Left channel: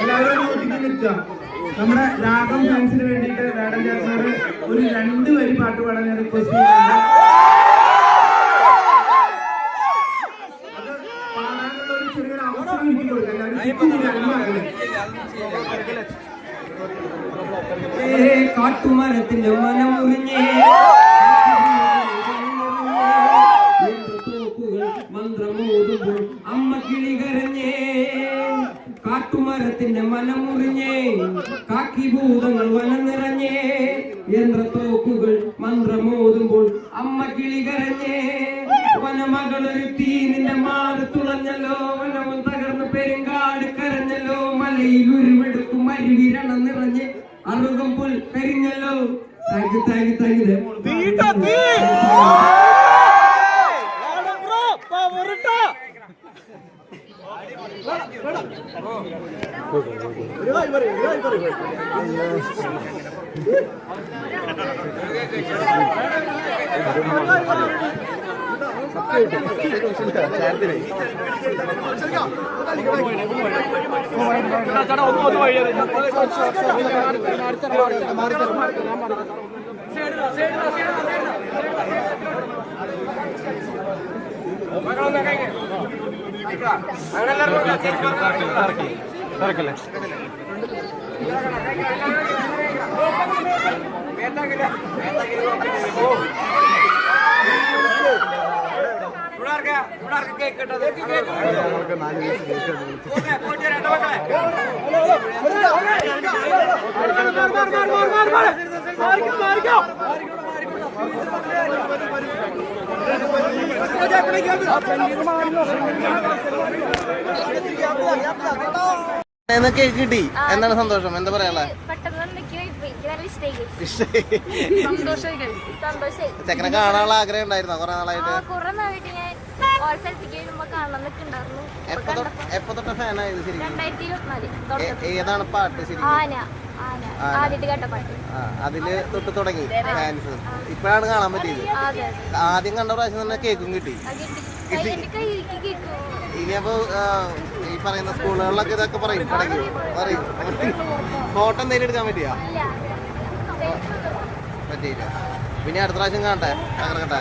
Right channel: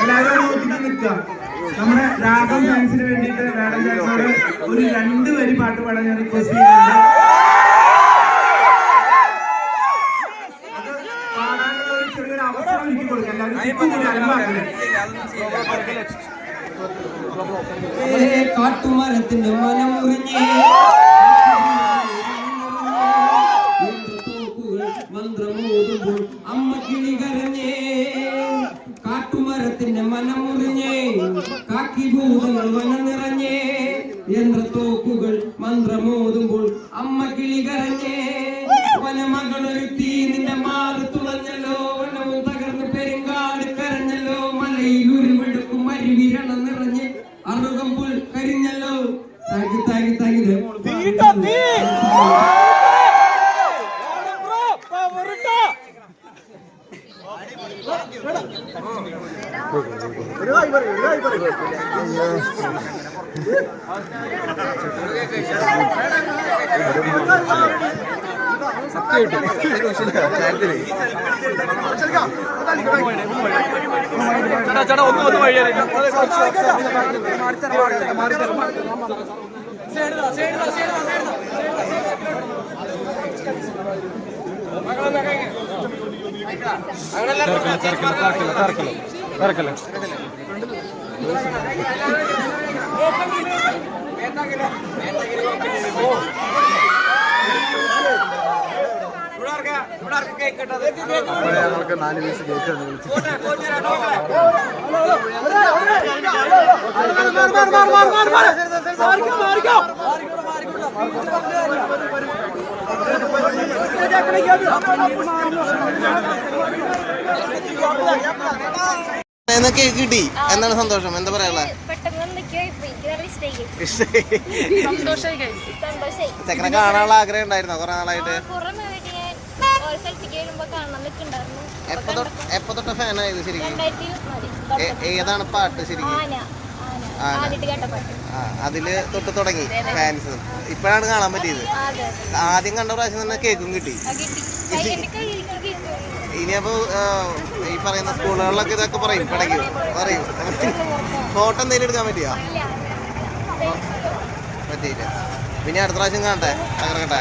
എല്ലാവരും നോക്കിട്ട് നിൽക്കുക. നമ്മുടെ രാഗം ഫാൻസിന് വേണ്ടിയിട്ട് വേടൻ ചേട്ടനോട് ഒരു 2 വരി പാട്ട് പാടാൻ ഞാൻ റിക്വസ്റ്റ് ചെയ്യുന്നുണ്ട്. അത് പാടാനുള്ള ഒരു ചെറിയൊരു അവസരം എനിക്ക് കൊടുക്കാം. എല്ലാവരും കാട്ടുമരത്തിന്റെ മനം മുറിഞ്ഞേ മന്ത്രമോതുമ്പോൾ അമ്മ കിളി കരഞ്ഞേ. കാട്ടുമരത്തിന്റെ മനം മുറിഞ്ഞേ കാക്കിഭൂതങ്ങൾ വനം നിറഞ്ഞേ. യന്ത്രത്തോക്കുകൾ മന്ത്രമോതുമ്പോൾ അമ്മ കിളി കരഞ്ഞേ. വനമകളൊരുത്തി നിന്റെ മാറ് തുളഞ്ഞല്ലോ. വനവും തകർന്ന് പെരുങ്കാട് കരഞ്ഞല്ലോ. മലയിൽ ഉരുവെടുക്കും അരുവിരണം നിറഞ്ഞ് അറുകം പുൽ കരിഞ്ഞല്ലോ. താങ്ക് താങ്ക് താങ്ക് ഞങ്ങൾക്ക് 4 വയസ്സ് കേട്ട് എന്നൊക്കെ കിട്ടി. എന്താണ് സന്തോഷം? എന്താ പറയാ? ചെക്കനെ കാണാനുള്ള ആഗ്രഹം ഉണ്ടായിരുന്നോ കുറെ നാളായിട്ട്? എപ്പോ തൊട്ട ഫാനായത് ശരിക്കും? ഏതാണ് പാട്ട് ശരിക്കും? അതില് തൊട്ട് തുടങ്ങി ഫാൻസ്. ഇപ്പോഴാണ് കാണാൻ പറ്റിയത്. ആദ്യം കണ്ട പ്രാവശ്യം തന്നെ കേക്കും കിട്ടി. ഇനിയപ്പോ ഈ പറയുന്ന സ്കൂളുകളിലൊക്കെ ഇതൊക്കെ പറയും, ഇടയ്ക്ക് പറയും. ഫോട്ടോ എന്തെങ്കിലും എടുക്കാൻ പറ്റിയില്ല. പിന്നെ അടുത്ത പ്രാവശ്യം കാണട്ടെ, തകർക്കട്ടെ.